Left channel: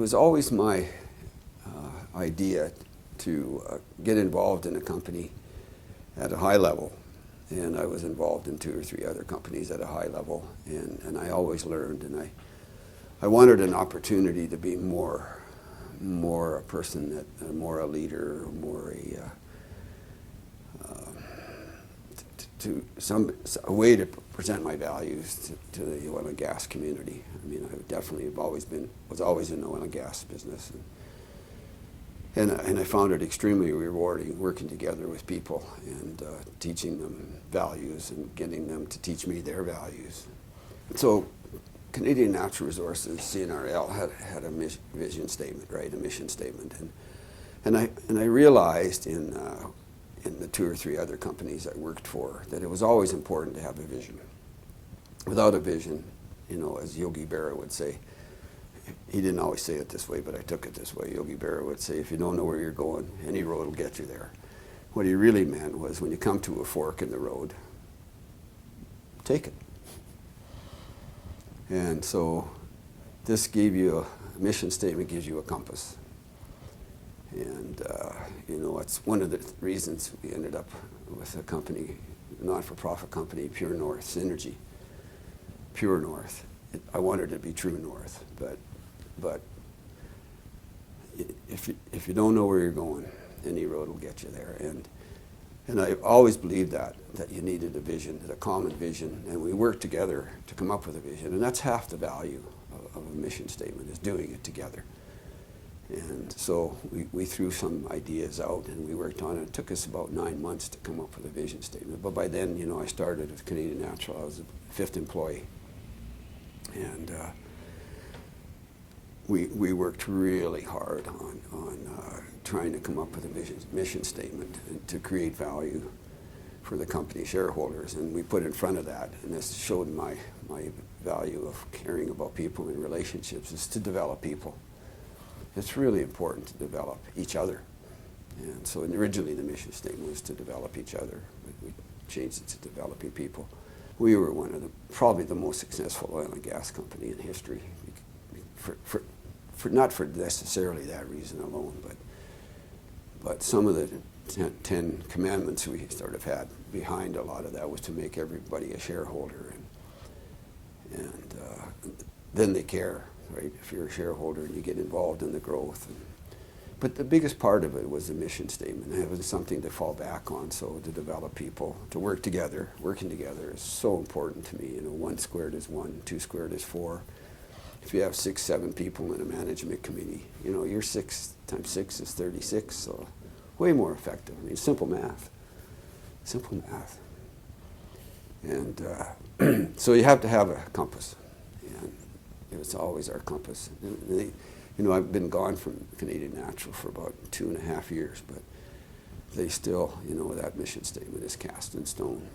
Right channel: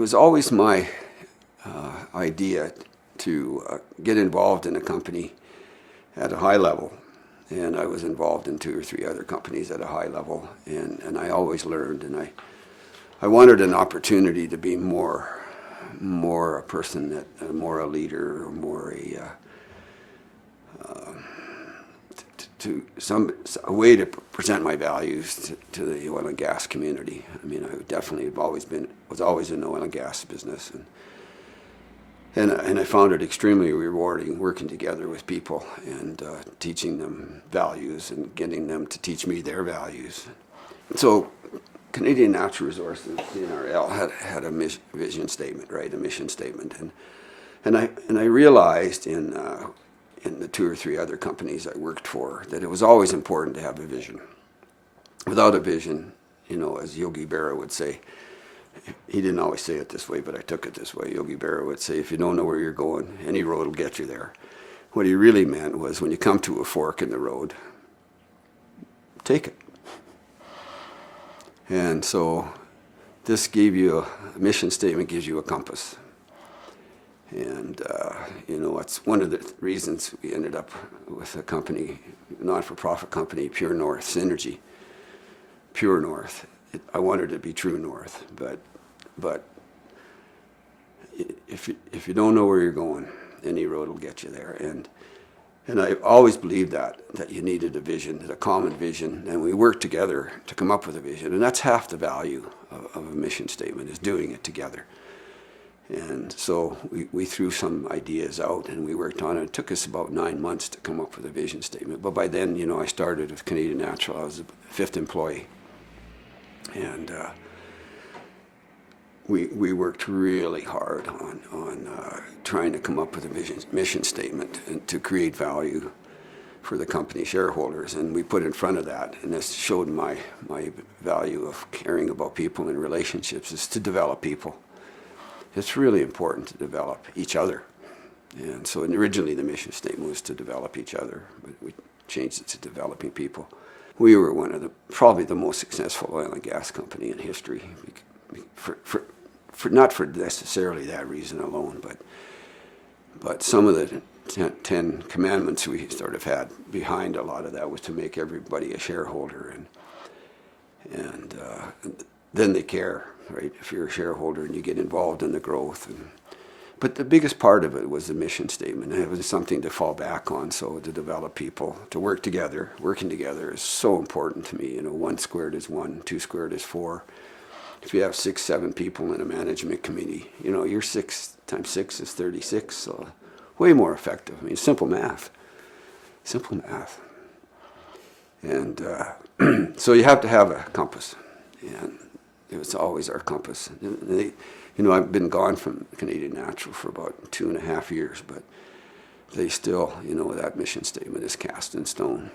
was always my idea to get involved in a company at a high level. And I was involved in 2 or 3 other companies at a high level, and I always learned, and I wanted an opportunity to be more a person that, more a leader, or more a way to present my values to the oil and gas community. I mean, I definitely was always in the oil and gas business, and I found it extremely rewarding working together with people and teaching them values and getting them to teach me their values. So Canadian Natural Resources, CNRL, had a vision statement, right, a mission statement, and I realized in the 2 or 3 other companies I worked for that it was always important to have a vision. Without a vision, as Yogi Berra would say, he didn't always say it this way, but I took it this way. Yogi Berra would say, if you don't know where you're going, any road will get you there. What he really meant was when you come to a fork in the road, take it. And so this gave you a mission statement, gives you a compass. And, it's one of the reasons we ended up with a company, not-for-profit company, Pure North Synergy. Pure North. I wanted it to be True North, but if you don't know where you're going, any road will get you there. And I've always believed that you needed a vision, a common vision, and we worked together to come up with a vision. And that's half the value of a mission statement, is doing it together. And so we threw some ideas out and we worked on it. It took us about 9 months to come up with a vision statement. But by then, I started with Canadian Natural. I was the 5th employee. And we worked really hard on trying to come up with a mission statement and to create value for the company shareholders. And we put in front of that, and this showed my value of caring about people and relationships, is to develop people. It's really important to develop each other. And so originally the mission statement was to develop each other, but we changed it to developing people. We were one of probably the most successful oil and gas company in history, not for necessarily that reason alone, but some of the 10 commandments we sort of had behind a lot of that was to make everybody a shareholder, and then they care, right? If you're a shareholder and you get involved in the growth. But the biggest part of it was the mission statement. It was something to fall back on, so to develop people, to work together. Working together is so important to me. 1 squared is 1, 2 squared is 4. If you have 6, 7 people in a management committee, your 6 times 6 is 36, so way more effective. I mean, simple math. And so you have to have a compass, and it was always our compass. I've been gone from Canadian Natural for about 2.5 years, but they still, that mission statement is cast in stone.